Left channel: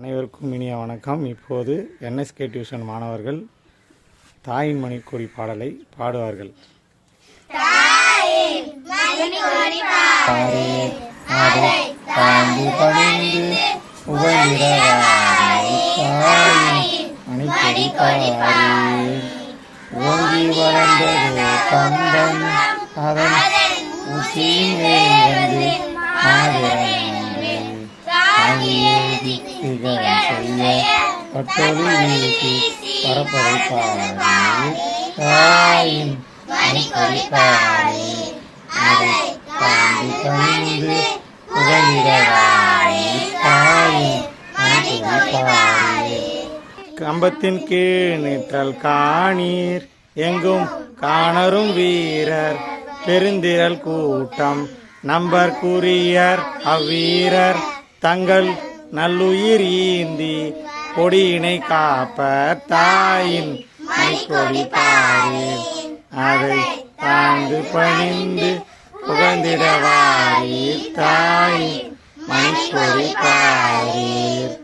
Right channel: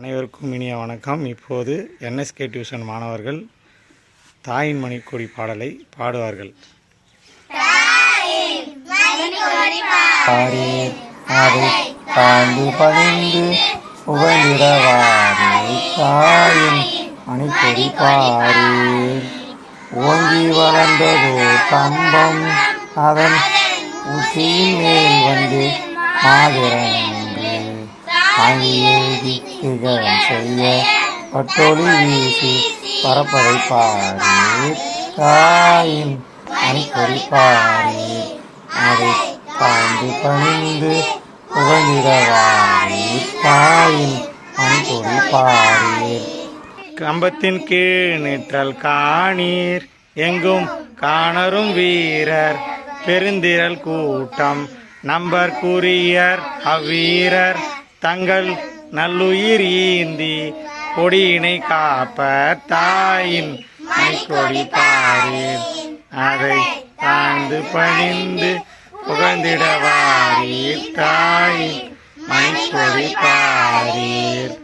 அனைவருக்கும் இனிய வணக்கம். இப்போது என்எஸ்கே டியூஷன் மாணவர்கள் தாயின் மணிக்கொடி பாடலை பாடுவார்கள். அதை தாழ்ந்து பணிந்து புகழிடவாரே தாயின் மணிக்கொடி பாரே. ஓங்கி வளர்ந்ததோ கம்பம் அதன் உச்சியின் மேல் வந்து மாதிரன்று ஆகியேதி திகழம் செய்ய பட்டொலி வீசி பரப்பதை பாரே. தாயின் மணிக்கொடி பாரே. அதை தாழ்ந்து பணிந்து புகழிடவாரே தாயின் மணிக்கொடி பாரே. கம்பத்தின் கீழ் நிற்றல் காணீர் எங்கும் காணரும் வீரர் பெருந்திரள் கூட்டம் நம்பர் கூறியர் அவ்வீரர் தங்கள் நல்லுயிர் ஈந்தி கொடியினை காப்பர் தாயின் மணிக்கொடி பாரீர். அதை தாழ்ந்து பணிந்து புகழ்ந்திடவாரீர் தாயின் மணிக்கொடி பாரீர்.